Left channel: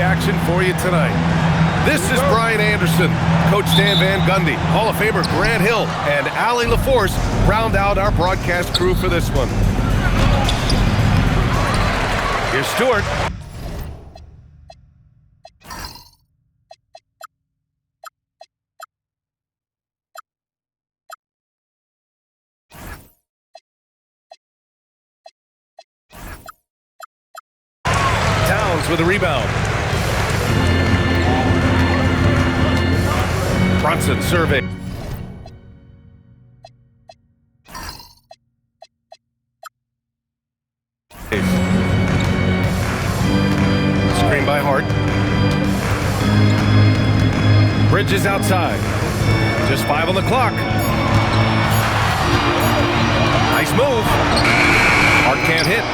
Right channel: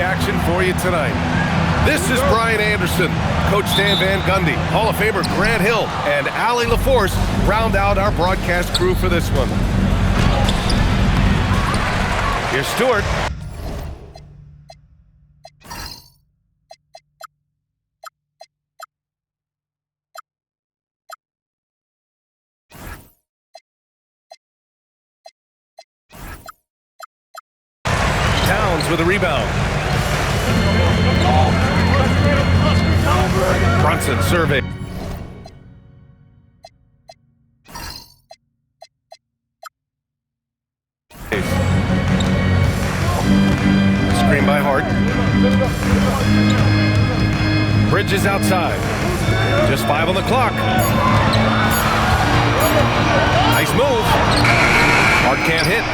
Action for you tonight. This is Brian Anderson, Coach Stan Van Gundy, Hall of Famer Grant Hill, and Allie LaForce round out our broadcast crew for this one. Here's Stewart. Towns with a rebound. Brunson survey. Screen by Hart. Bridges outside. Just 5 on the clock. Nice move. Hart can't hit.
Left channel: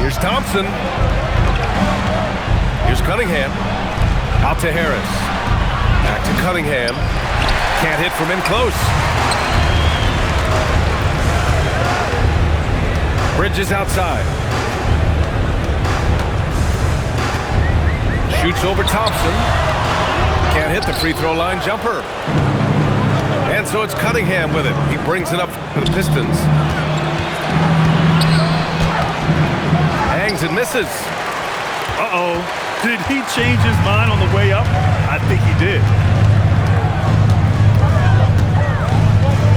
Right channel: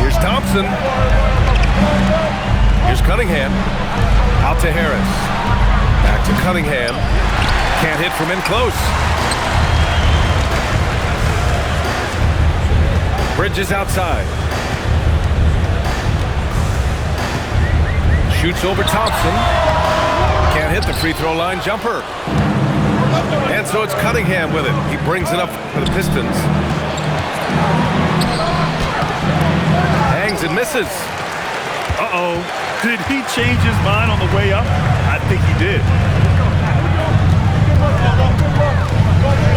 Here's Thompson. Here's Cunningham. Out to Harris. Back to Cunningham. Can't hit from in close. Bridges outside. Shoots over Thompson. Can't hit the free throw line jumper. And so it's Cunningham with it. He brings it up for the Pistons. Hangs and misses. Uh-oh. Did he change his mind on the way up? I think he did.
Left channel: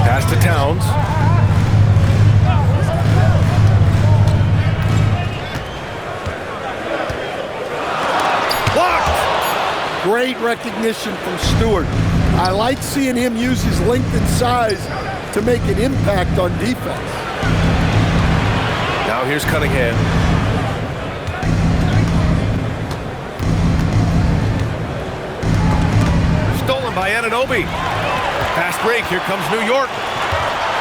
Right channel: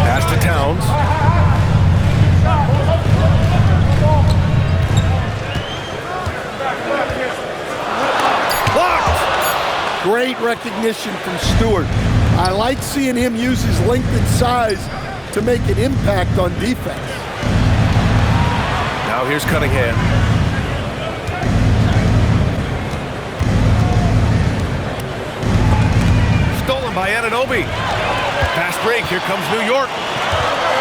Pass to Towns. Blocked! Great recognition from Stewart. I like seeing him use his length and size to make an impact on defense. Now here's Cunningham. Stolen by Anunoby. Fast break. Here comes New York.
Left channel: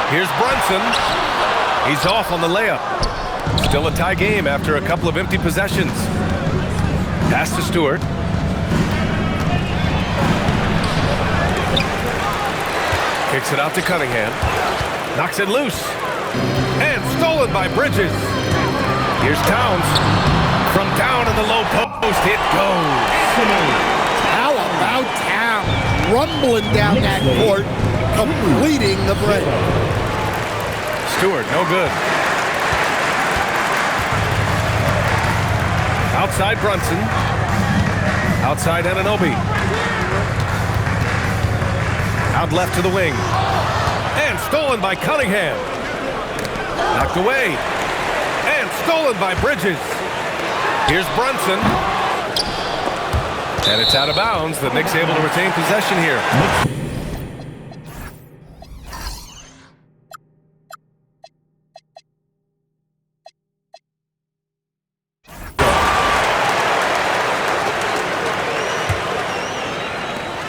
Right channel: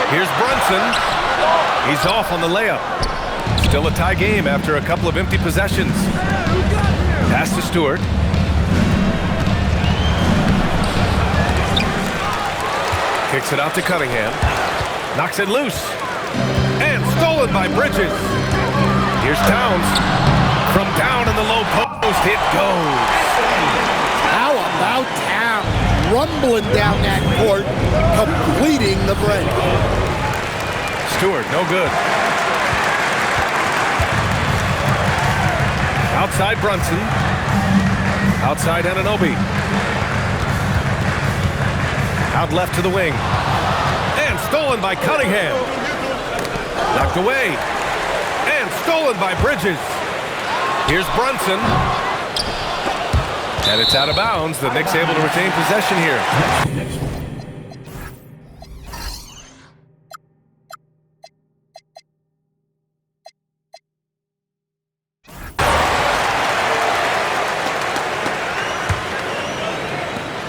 Here's Brunson. He's off on the layup. Still a tie game after a couple of empty possessions. Pass to Stewart. Kicks it out to Cunningham. Knocks it loose. And stolen by Bridges. Here's Towns. From down in the low post, it goes. How about Towns rumbling down that court, completing the break? Stewart, no good. Outside Brunson. Outside Anunoby. Out left to the wing. And stolen by Cunningham. Knocked away. And stolen by Bridges. Here's Brunson. And it's out of bounds. The Knicks able to retain possession here.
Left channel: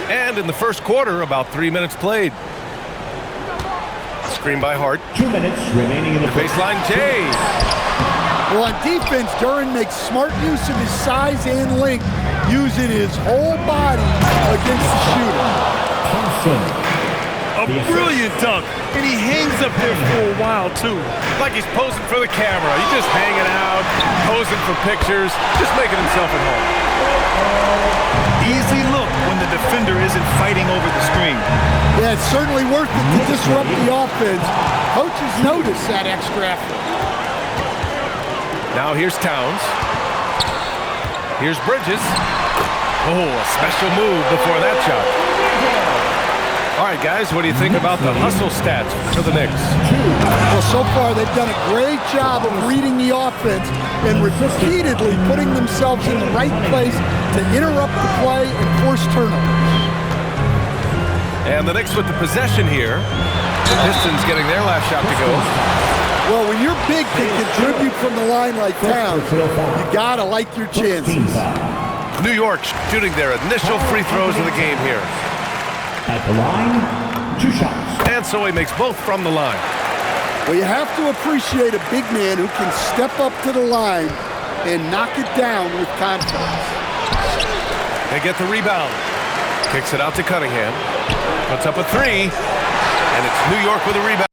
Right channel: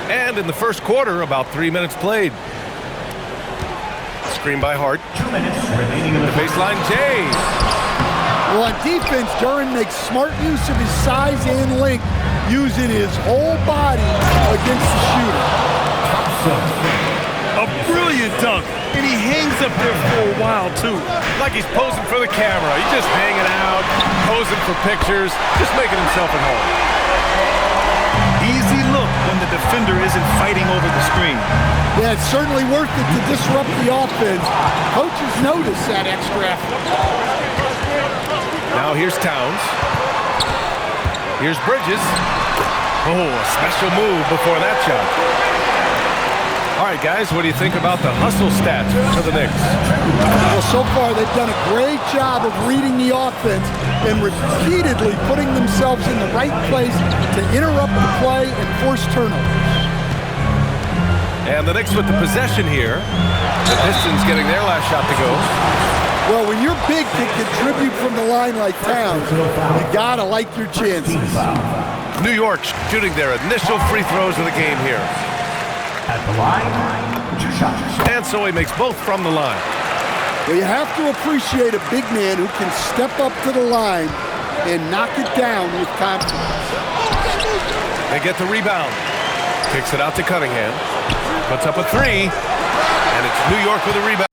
And in the first quarter, about 3 minutes played. Screen by Hart. 2 minutes remaining in the Baseline Jay. Well, on defense, Duren makes smart use of his size and length, using his whole body against the shooter. Thompson. A brilliant dunk, and he hangs up there for a while, too. Like he's posing for the camera. He's just hanging out, posing for pictures, just making himself at home. Easy look when the defender isn't fighting over the screen. Yeah, it's certainly worth it to disrupt the offense. Coaches notice that extra effort. Now here's Towns. Here's Bridges. Oh, a special move before that shot. All right, guys, what do you think about the hustle stats for the Knicks? Well, so far they've done a great job of reading the offense and repeatedly putting themselves in the right place to interrupt the play and force turnovers. And the Knicks with the possession here. The Pistons getting their last shot to go. Well, when you're big can contribute from the line like Towns, you gotta like your chances. New York shooting their initial free throws of the game here. At the line, 2 shots. And so he makes both from the line. Well, you have to appreciate a big man who can step up to the line and knock it down with confidence. They get the rebound. Kicks it out to Cunningham. Puts up a 3. And it's New York with a rebound.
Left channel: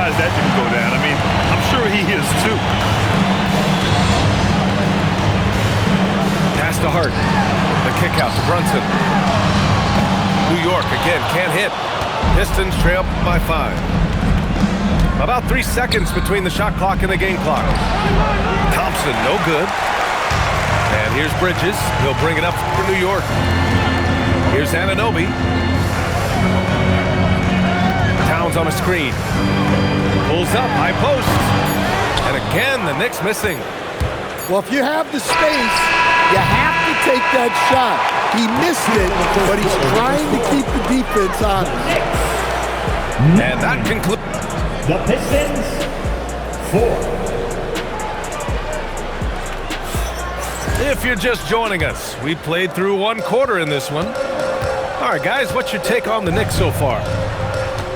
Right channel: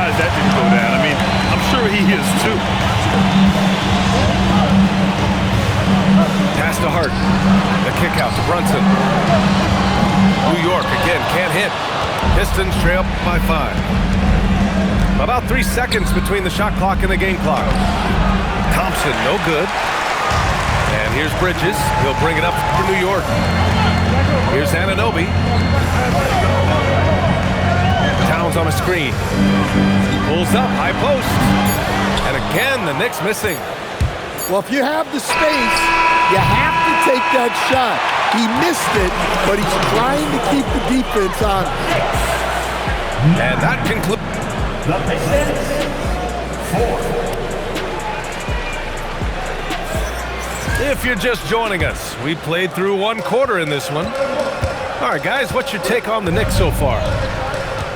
surprised that didn't go down. I mean, I'm sure he is too. Pass to Hart. The kick out to Brunson. New York again can't hit. Pistons trail by 5. About 3 seconds between the shot clock and the game clock. Thompson, no good. And here's Bridges. He'll bring it up for New York. Here's Anunoby. Towns on a screen. Pulls up, high post. And again, the Knicks missing. Well, if you have the space, you have to take that shot. He missed it, but he's trying to keep the defense honest. And that concludes. The Pistons, 4. If you're just joining us, we played through 1 quarter in this one. All right, guys, what's your take on the Knicks so far?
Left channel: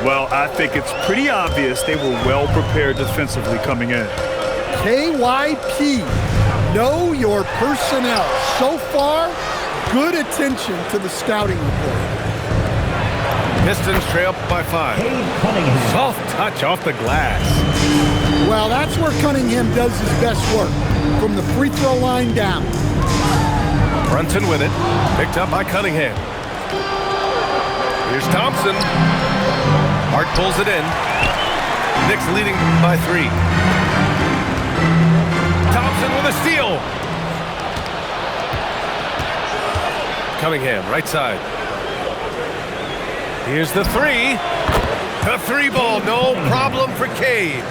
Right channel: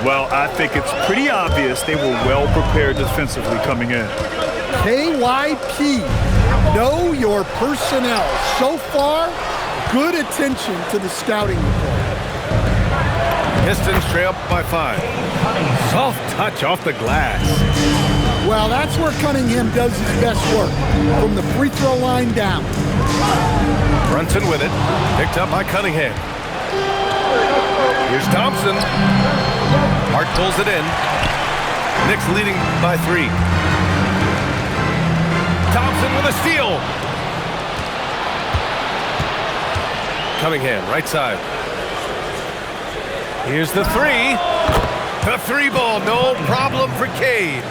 Well, I think it's pretty obvious they were well prepared defensively coming in. KYP, know your personnel. So far, good attention to the scouting report. Pistons trail by 5. Soft touch off the glass. Well, that's where Cunningham does his best work, from the free throw line down. Brunson with it. Picked up by Cunningham. Here's Thompson. Hart pulls it in. Knicks leading by 3. Thompson with a steal. Cunningham, right side. Here's the 3. The 3 ball, no problem for Cade.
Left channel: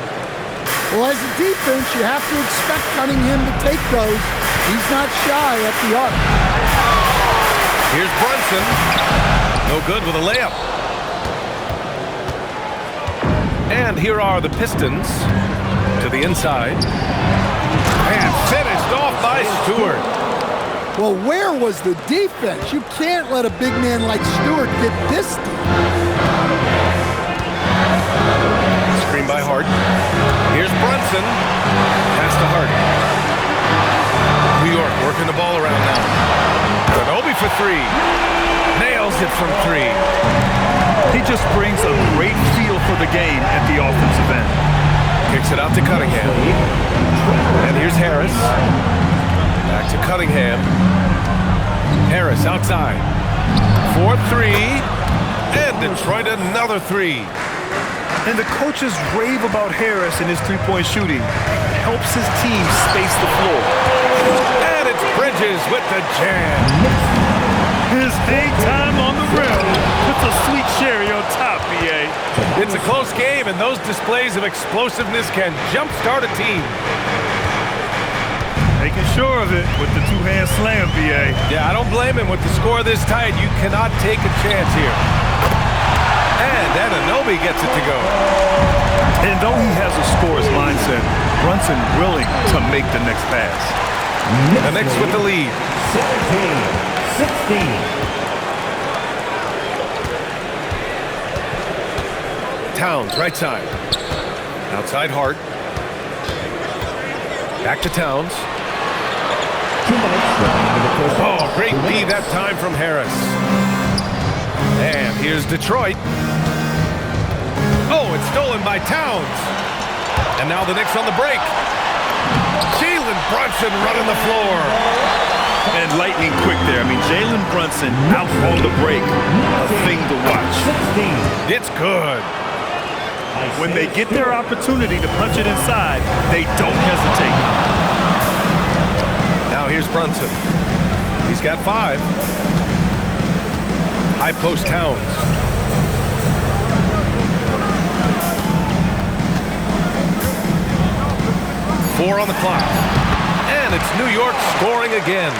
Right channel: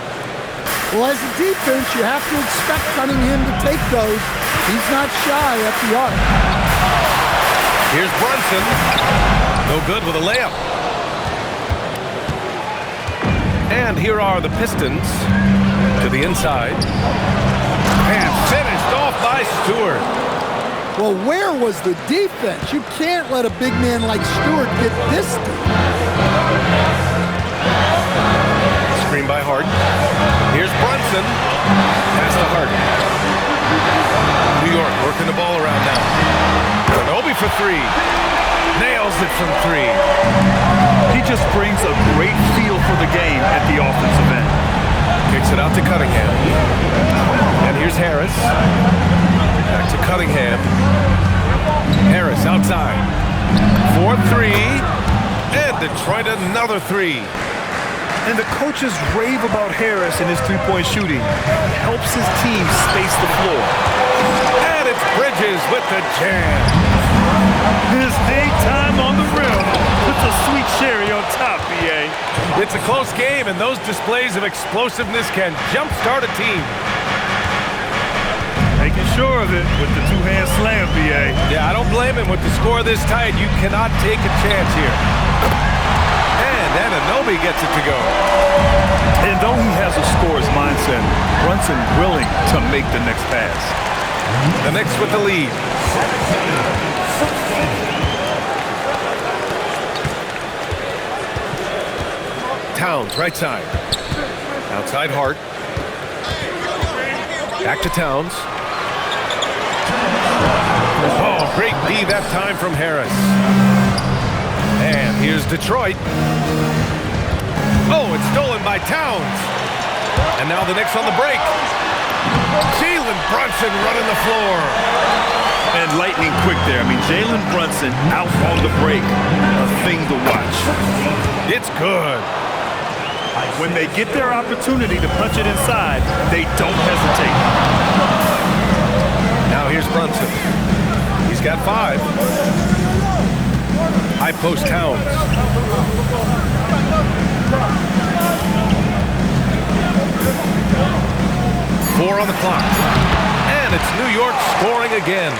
Well, as a defense, you have to expect Cunningham to take those. He's not shy at the arc. Here's Brunson. No good with a layup. And here are the Pistons to the inside. And finished off by Stewart. Well, where was the defense? You can't let a big man like Stewart get this deep. Screen by Hart. Here's Brunson. Pass to Hart. New York working the ball around now. Anunoby for 3. Nails it from 3. He just brings a great feel for the game at the offensive end. Kicks it out to Cunningham. And here's Harris. Back to Cunningham. Harris outside. 4-3. And Detroit another 3. And the coaches rave about Harris and his three-point shooting. It helps his team space the floor. And it's Bridges with the jam. His hang time on the rim puts a sweet cherry on top, B.A. It's a close game, and those displays of explosiveness can jumpstart a team. Making sure of it with the two-hand slam, B.A. Yeah, I don't blame him. With the score this tight, you cannot take a chance here. And Anunoby gets it to go. And though he has a scorer's mindset, Brunson willing to make the next pass. The Knicks with the lead. 16. Towns, right side. Outside Hart. Back to Towns. Oh, great D that time from Harris. And here's Detroit. Oh, it's stolen by Towns. And now the Knicks on the break. Jalen Brunson running the floor. And lightning quick there. I mean, Jalen Brunson out on the break. A thing to watch. It's good. When they get their opportunity to punch it inside, they don't hesitate. Now here's Brunson. He's got 5. High post Towns. Four on the clock. And it's New York scoring again.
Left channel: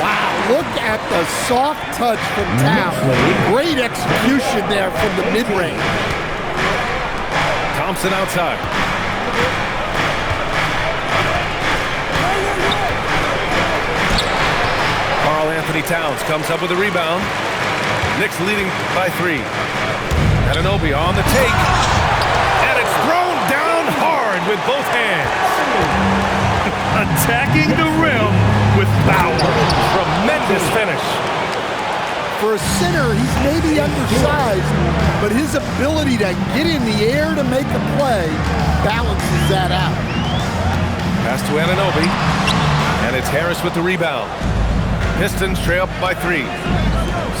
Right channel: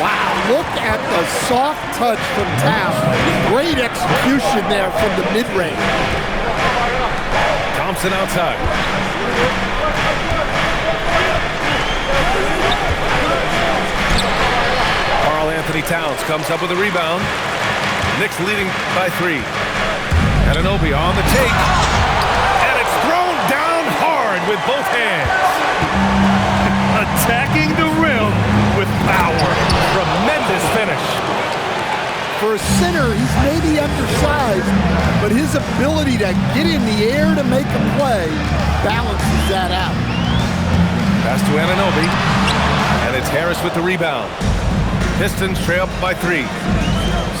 Wow, look at the soft touch from Towns. Great execution there from the mid-range. Thompson outside. Karl Anthony Towns comes up with a rebound. Knicks leading by 3. Anunoby on the take. And it's thrown down hard with both hands. Attacking the rim with power. Tremendous finish. For a center, he's maybe undersized, but his ability to get in the air to make a play balances that out. Pass to Anunoby, and it's Harris with the rebound. Pistons trail up by 3.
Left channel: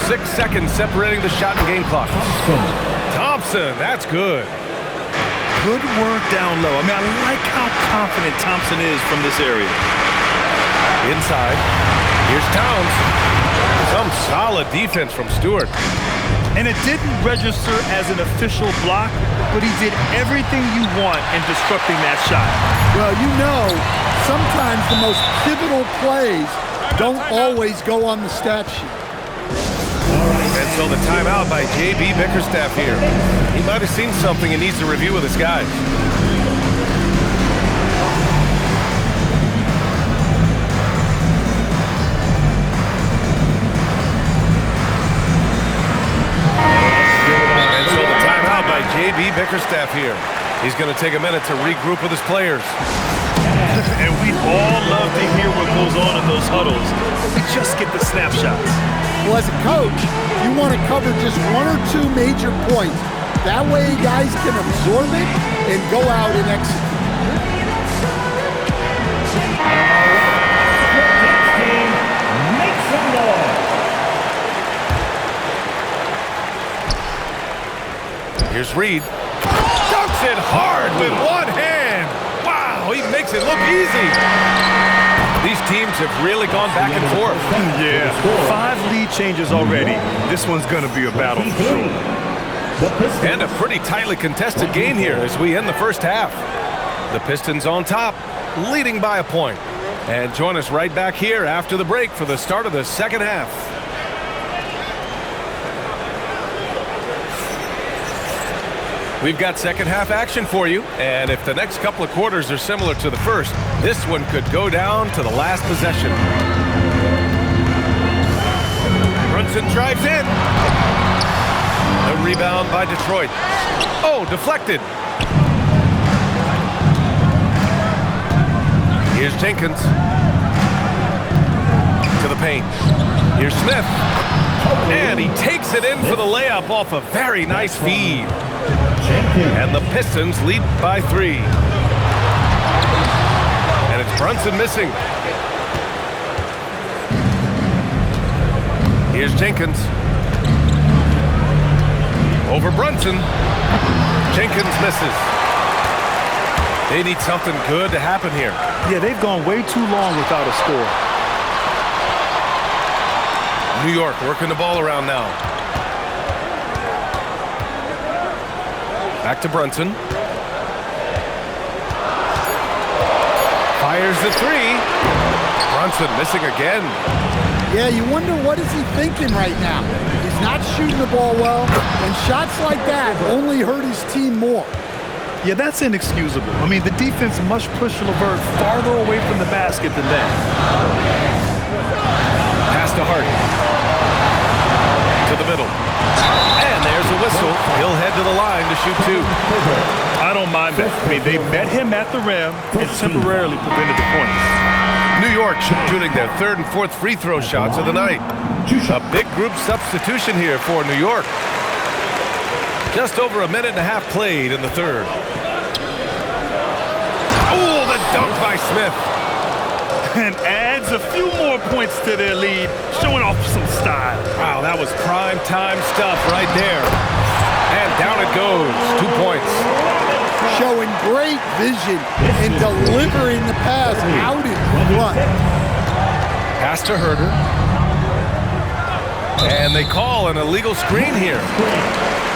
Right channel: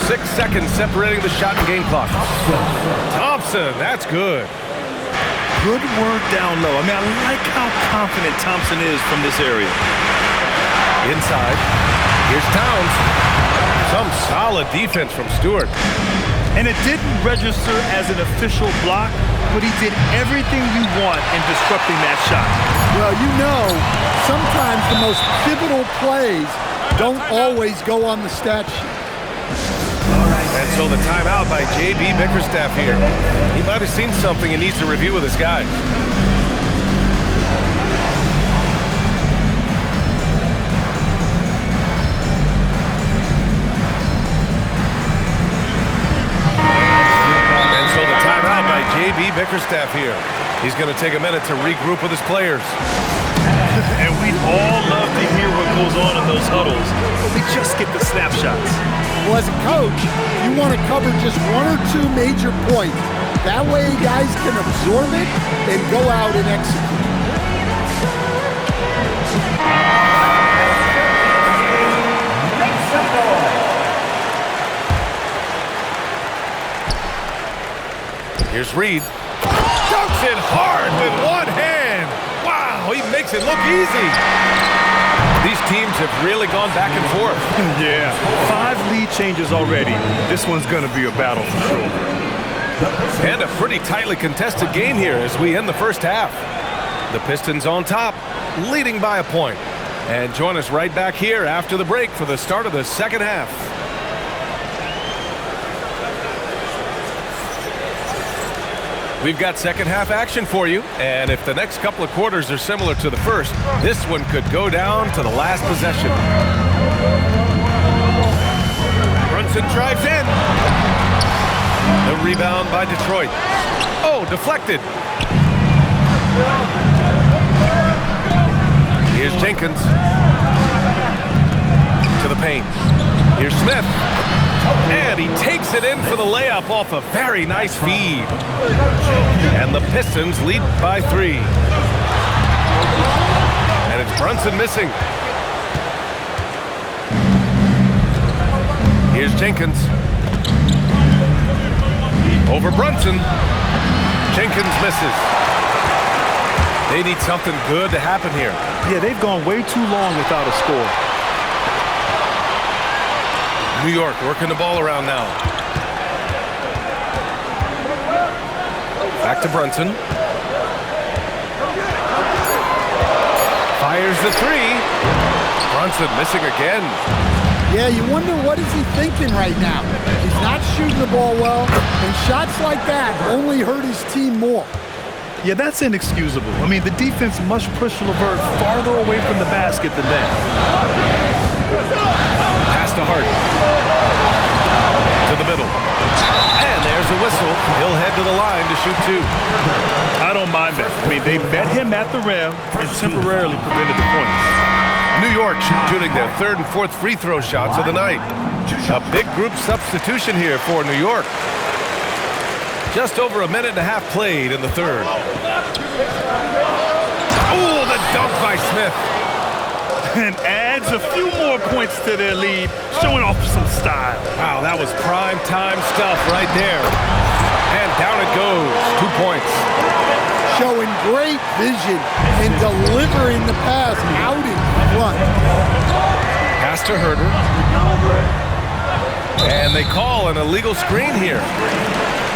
6 seconds separating the shot and game clock. Thompson, that's good. Good work down low. I mean, I like how confident Thompson is from this area. Inside, here's Towns. Some solid defense from Stewart. And it didn't register as an official block, but he did everything you want in disrupting that shot. Well, you know, sometimes the most pivotal plays don't always go on the stat sheet. And so the timeout by J.B. Bickerstaff here. He might have seen something he needs to review with his guys. And so the timeout by J.B. Bickerstaff here. He's going to take a minute to regroup with his players. And we'd all love to hear what goes on in those huddles, but we just get the snapshots. Well, as a coach, you want to cover just 1 or 2 major points. That way guys can absorb it and go out and execute. Here's Reed. Dunks it hard with one hand. Wow, he makes it look easy. These teams have really gone back and forth. Yeah, 5 lead changes already. This one's going to be a battle for sure. And a pretty tightly contested game here as we end the first half. The Pistons on top, leading by a point. And join us right back here after the break for the start of the second half. We've got second half action for you, and if the next couple of quarters are similar to the first, this one could go down to the last possession. Brunson drives in. The rebound by Detroit. Oh, deflected. Here's Jenkins. To the paint. Here's Smith. And he takes it in for the layup off a very nice feed. And the Pistons lead by 3. And it's Brunson missing. Here's Jenkins. Over Brunson. Jenkins misses. They need something good to happen here. Yeah, they've gone way too long without a score. New York working the ball around now. Back to Brunson. Fires the 3. Brunson missing again. Yeah, you wonder what is he thinking right now. He's not shooting the ball well, and shots like that only hurt his team more. Yeah, that's inexcusable. I mean, the defense must push LeVert farther away from the basket than that. Pass to Hart. To the middle. And there's a whistle. He'll head to the line to shoot 2. I don't mind that. I mean, they met him at the rim and temporarily prevented the points. New York shooting their 3rd and 4th free throw shots of the night. A big group substitution here for New York. Just over a minute and a half played in the 3rd. Oh, the dunk by Smith. And adds a few more points to their lead, showing off some style. Wow, that was prime time stuff right there. And down it goes. 2 points. Showing great vision and delivering the pass out in front. Pass to Herter. And they call an illegal screen here.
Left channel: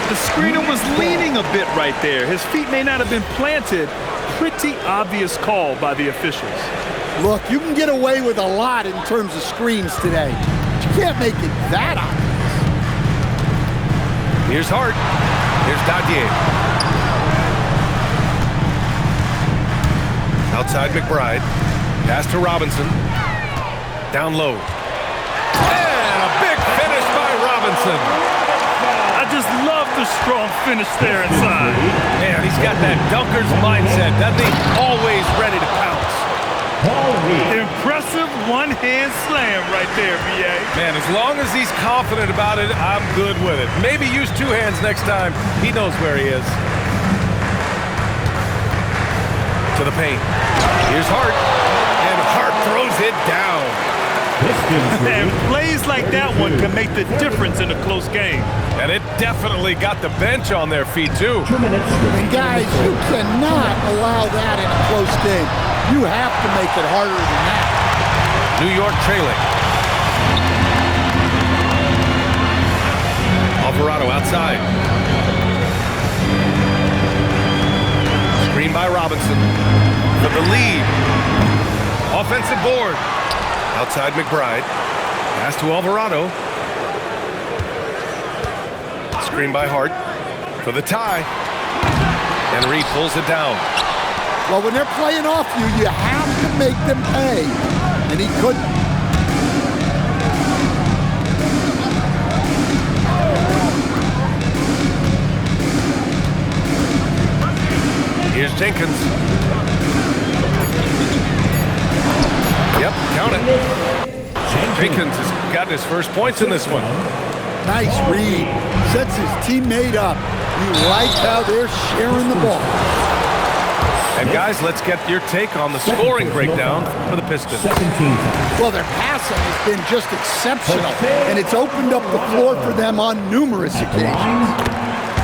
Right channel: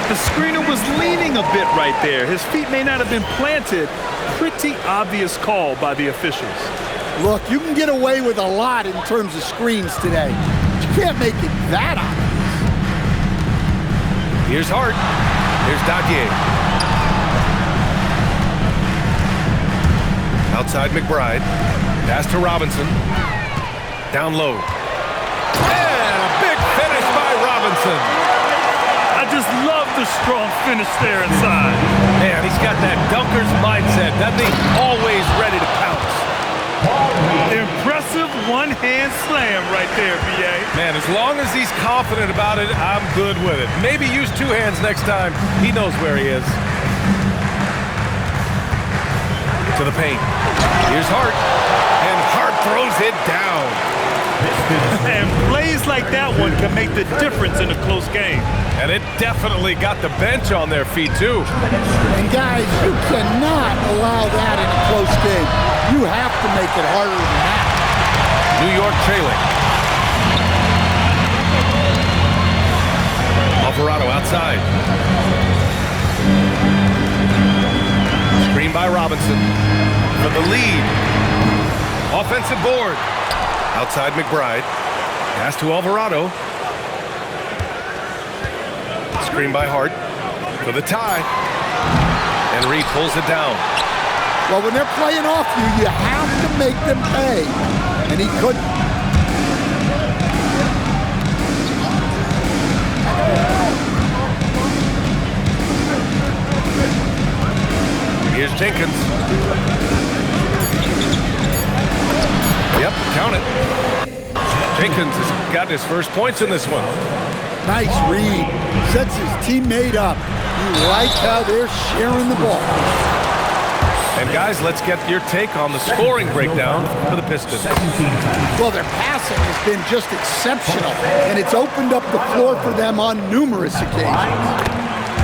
The screener was leaning a bit right there. His feet may not have been planted. Pretty obvious call by the officials. Look, you can get away with a lot in terms of screens today. But you can't make it that obvious. Here's Hart. Here's Dadier. Outside McBride. Pass to Robinson. Down low. And a big finish by Robinson. I just love the strong finish there inside. Man, he's got that dunker's mindset, doesn't he? Always ready to pounce. Paul Reed. Impressive one-hand slam right there, B.A. Man, as long as he's confident about it, I'm good with it. Maybe use two hands next time. He knows where he is. To the paint. Here's Hart. And Hart throws it down. And plays like that one can make the difference in a close game. And it definitely got the bench on their feet, too. And guys, you cannot allow that in a close game. You have to make it harder than that. New York trailing. Alvarado outside. Screen by Robinson for the lead. Offensive board. Outside McBride. Pass to Alvarado. Screen by Hart for the tie. And Reed pulls it down. Well, when they're playing off you, you have to make them pay. And he couldn't. Here's Jenkins. Yep, count it. Jenkins has gotten his first points in this one. Nice read. Sets his teammate up. You like how they're sharing the ball. And guys, let's get your take on the scoring breakdown for the Pistons. Well, their passing has been just exceptional, and it's opened up the floor for them on numerous occasions.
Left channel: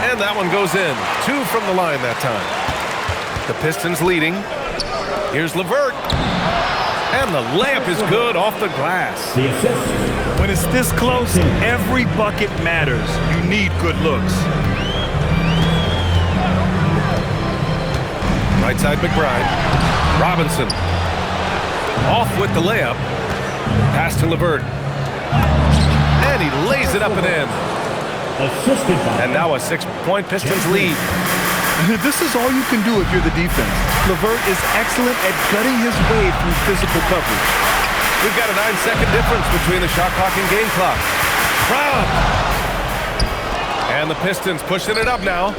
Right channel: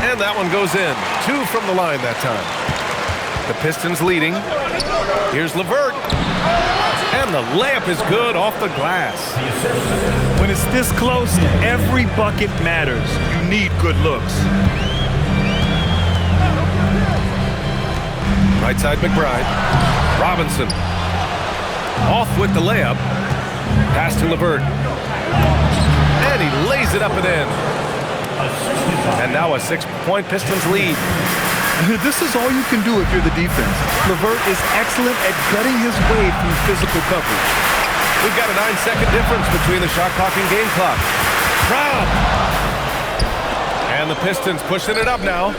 And that one goes in. 2 from the line that time. The Pistons leading. Here's LeVert. And the layup is good off the glass. When it's this close, every bucket matters. You need good looks. Right side McBride. Robinson. Off with the layup. Pass to LeVert. And he lays it up and in. And now a 6-point Pistons lead. This is all you can do if you're the defense. LeVert is excellent at gutting his way through physical coverage. We've got a 9-second difference between the shot clock and game clock. Rob! And the Pistons pushing it up now.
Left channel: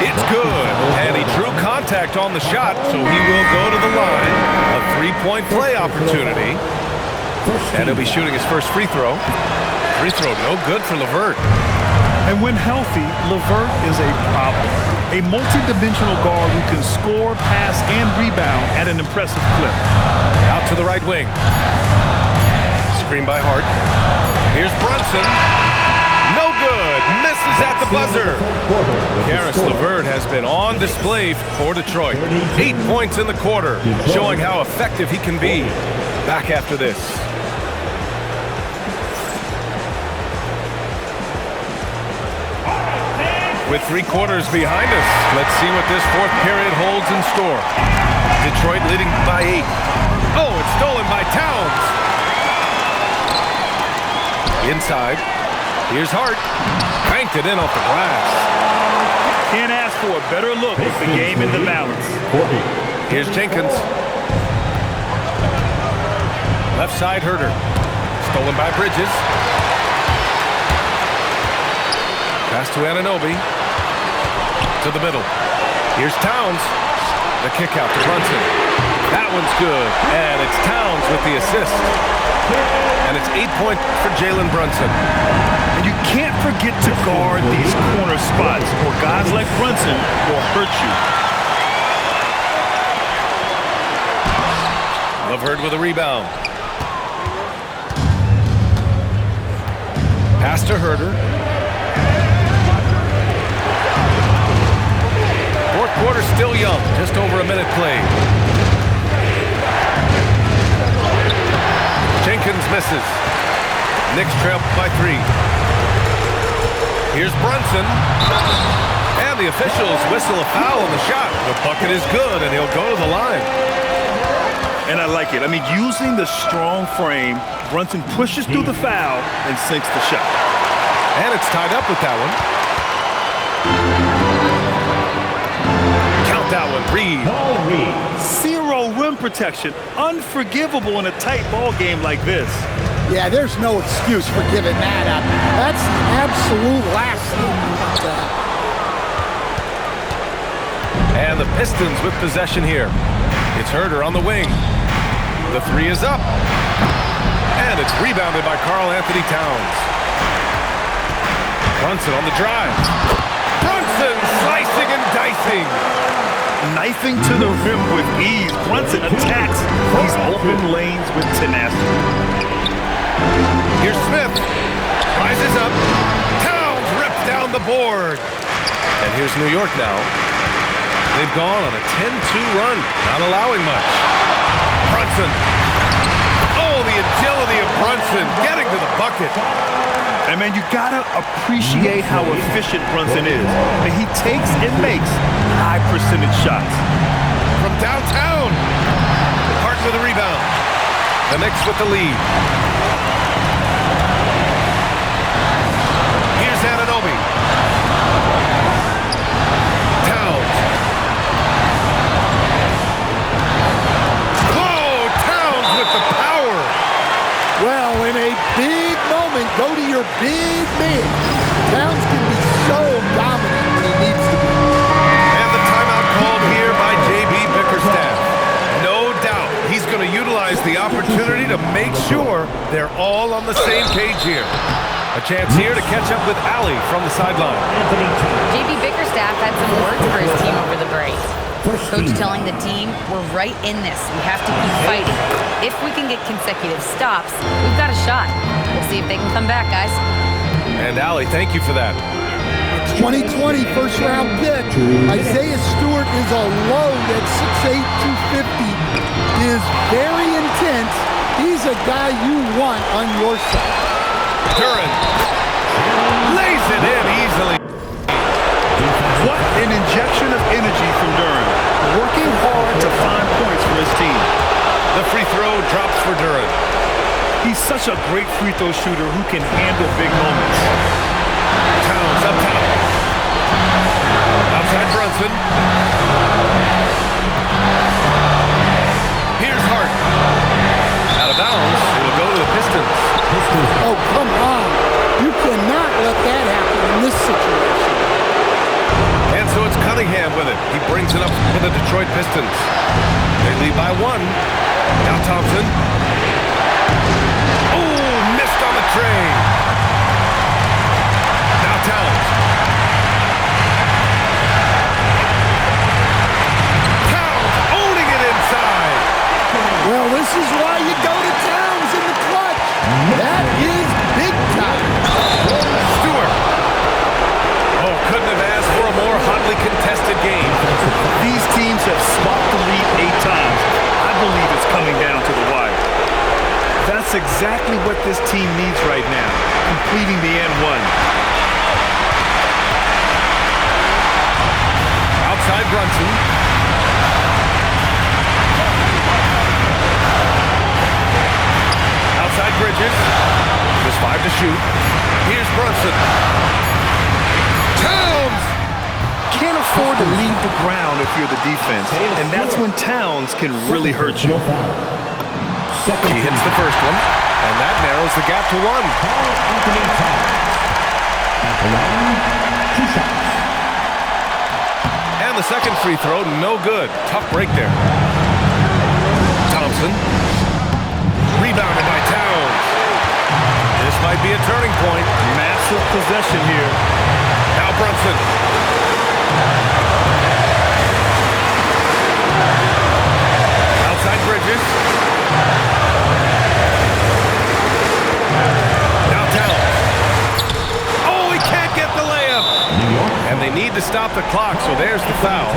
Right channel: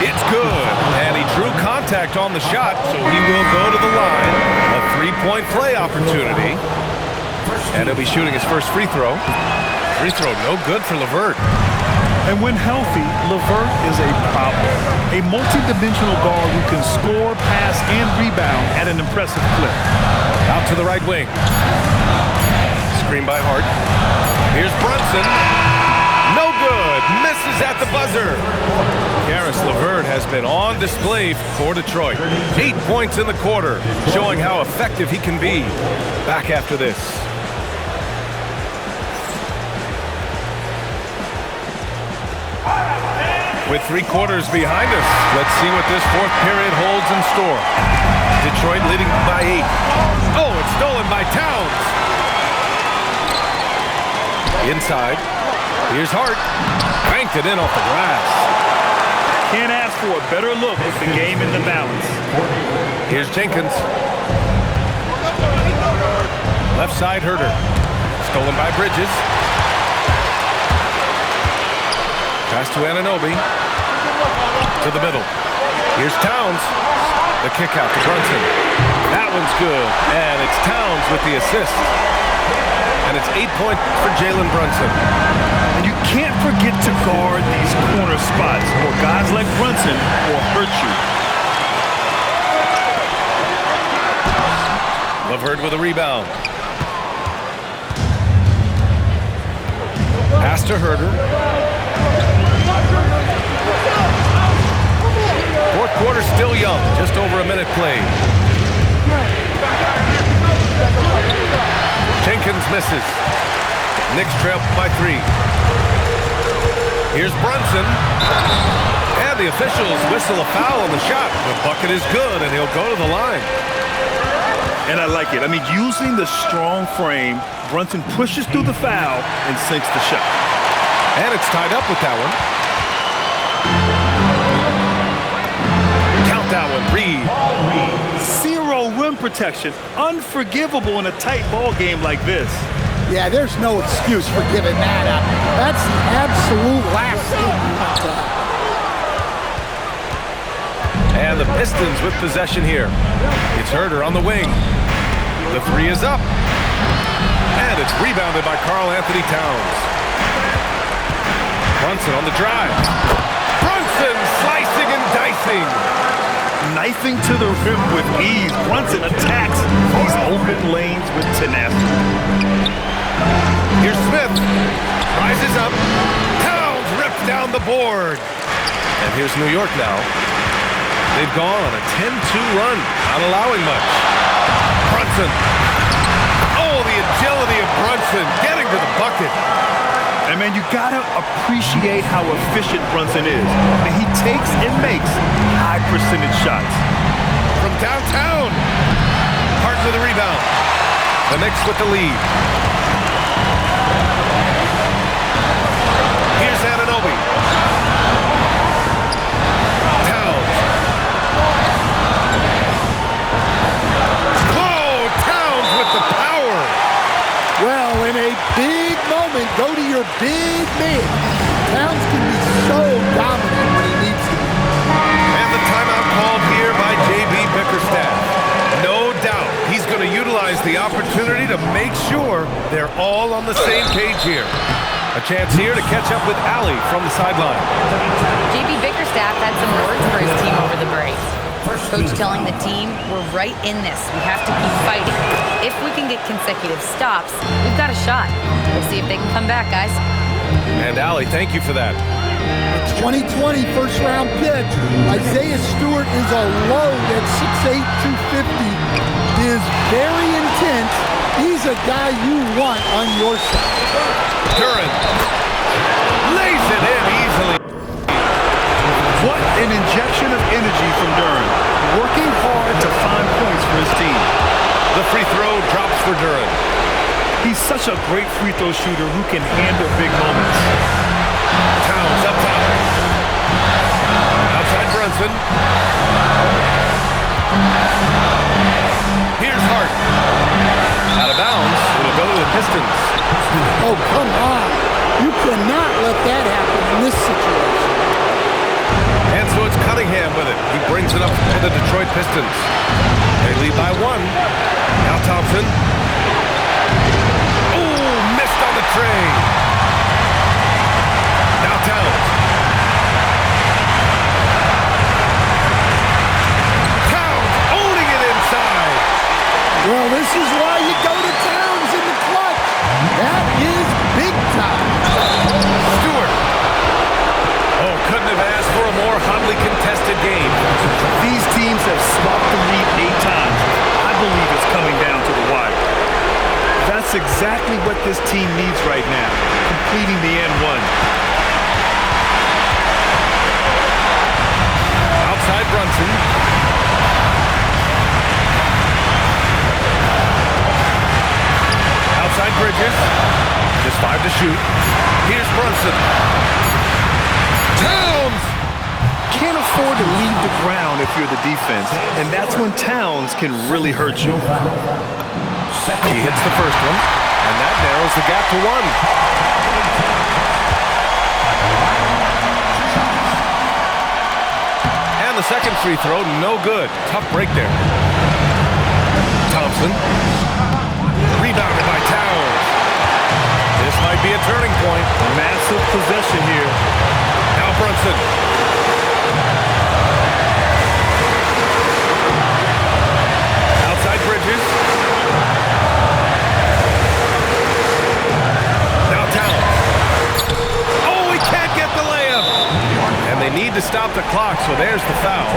It's good. And he drew contact on the shot, so he will go to the line. A 3-point play opportunity. And he'll be shooting his first free throw. Free throw no good for LeVert. And when healthy, LeVert is a problem. A multi-dimensional guard who can score, pass, and rebound at an impressive clip. Out to the right wing. Screen by Hart. Here's Brunson. No good. Misses at the buzzer. Karis LeVert has been on display for Detroit. 8 points in the quarter, showing how effective he can be. Back after this. With 3 quarters behind us, let's see what this fourth period holds in store. Detroit leading by 8. Oh, it's stolen by Towns. Inside. Here's Hart. Banked it in off the glass. Can't ask for a better look with the game in the balance. Here's Jenkins. Left side Herter. Stolen by Bridges. Pass to Anunoby. To the middle. Here's Towns. The kick out to Brunson. That one's good. And it's Towns with the assist. And it's 8 points for Jalen Brunson. And you can't forget to guard these corner spots, or guys like Brunson will hurt you. LeVert with a rebound. Pass to Herter. Fourth quarter still young, just over a minute played. Jenkins misses. Knicks trail by 3. Here's Brunson. And the officials whistle a foul on the shot. The bucket is good, and he'll go to the line. And I like it. I mean, using the strong frame, Brunson pushes through the foul and sinks the shot. And it's tied up with that one. Count that one, Reed. Zero rim protection. Unforgivable in a tight ball game like this. Yeah, there's no excuse for giving that up. That's the absolute last thing you want to have. And the Pistons with possession here. It's Herter on the wing. The three is up. And it's rebounded by Karl Anthony Towns. Brunson on the drive. Brunson slicing and dicing. Knifing to the rim with ease. Brunson attacks these open lanes with tenacity. Here's Smith. Rises up. Towns rips down the board. And here's New York now. They've gone on a 10-2 run, not allowing much. Brunson. Oh, the agility of Brunson getting to the bucket. And man, you gotta appreciate how efficient Brunson is. I mean, he takes and makes high percentage shots. From downtown. Hart with a rebound. The Knicks with the lead. Here's Anunoby. Towns. Whoa, Towns with the power. Well, in a big moment, go to your big man. Towns can be so dominant when he needs to be. And the timeout called here by J.B. Bickerstaff. No doubt he's going to utilize the opportunity to make sure they're all on the same page here. A chance here to catch up with Allie from the sideline. J.B. Bickerstaff had some words for his team over the break. Coach telling the team, we're right in this. We have to keep fighting. If we can get consecutive stops, we've got a shot. We'll see if they can come back, guys. And Allie, thank you for that. The 2020 first-round pick, Isaiah Stewart is a load at 6'8", 250. He is very intense. He's a guy you want on your side. Duren lays it in easily. What an injection of energy from Duren. Working hard to find points for his team. The free throw drops for Duren. He's such a great free throw shooter who can handle big moments. Towns up top. Outside Brunson. Here's Hart. Out of bounds. It'll go to the Pistons. Oh, come on. You cannot let that happen in this situation. And so it's Cunningham with it. He brings it up for the Detroit Pistons. They lead by one. Now Thompson. Oh, missed on the tray. Now Towns. Towns owning it inside. Well, this is why you go to Towns in the clutch. That is big time. Stewart. Oh, couldn't have asked for a more hotly contested game. These teams have swapped the lead 8 times. I believe it's coming down to the wire. That's exactly what this team needs right now, completing the and one. Outside Brunson. Outside Bridges. Just 5 to shoot. Here's Brunson. Towns! Can't afford to leave the ground if you're the defense, and that's when Towns can really hurt you. He hits the first one, and that narrows the gap to 1. And the second free throw, no good. Tough break there. Thompson. Rebounded by Towns. This might be a turning point. Massive possession here. Now Brunson. Outside Bridges. Now Towns. Oh, he can't get the layup. And they need to stop the clock, so there's the foul.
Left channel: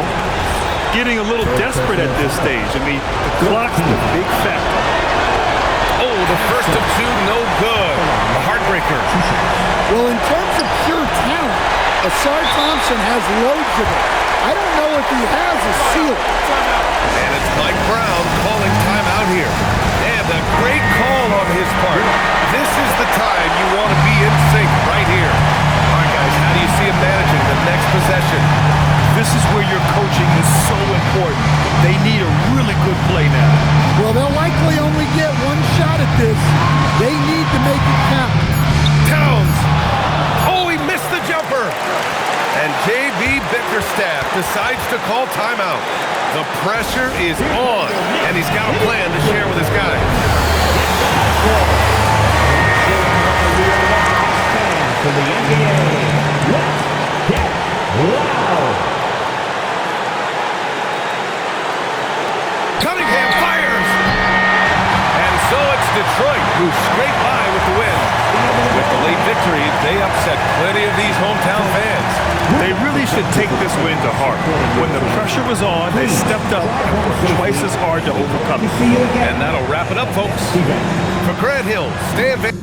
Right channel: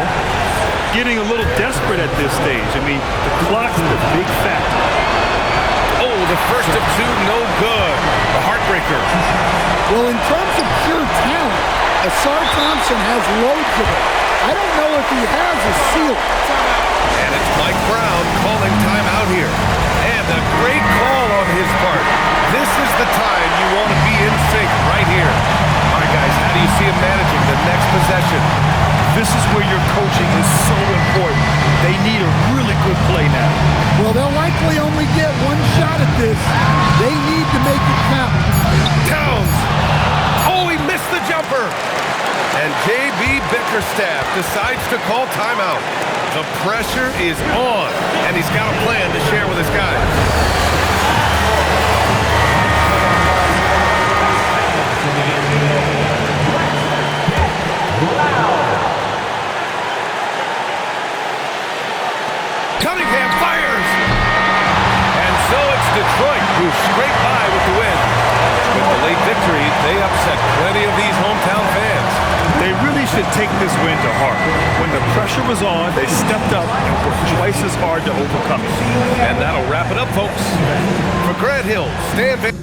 Getting a little desperate at this stage. I mean, the clock's the big factor. Oh, the first of 2, no good. A heartbreaker. Well, in terms of pure talent, Asar Thompson has loads of it. I don't know if he has a ceiling. And it's Mike Brown calling timeout here. And a great call on his part. This is the time you want to be in sync right here. All right, guys, how do you see him managing the next possession? This is where your coaching is so important. They need a really good play now. Well, they'll likely only get one shot at this. They need to make it count. Towns. Oh, he missed the jumper. And J.B. Bickerstaff decides to call timeout. The pressure is on, and he's got a plan to share with his guys. For the NBA, let's get loud. Cunningham fires! And so it's Detroit who scrape by with the win. With the late victory, they upset plenty of these hometown fans. They really should take this win to heart. When the pressure was on, they stepped up and worked twice as hard to overcome it. And that'll wrap it up, folks. For Grant Hill, Stan Van...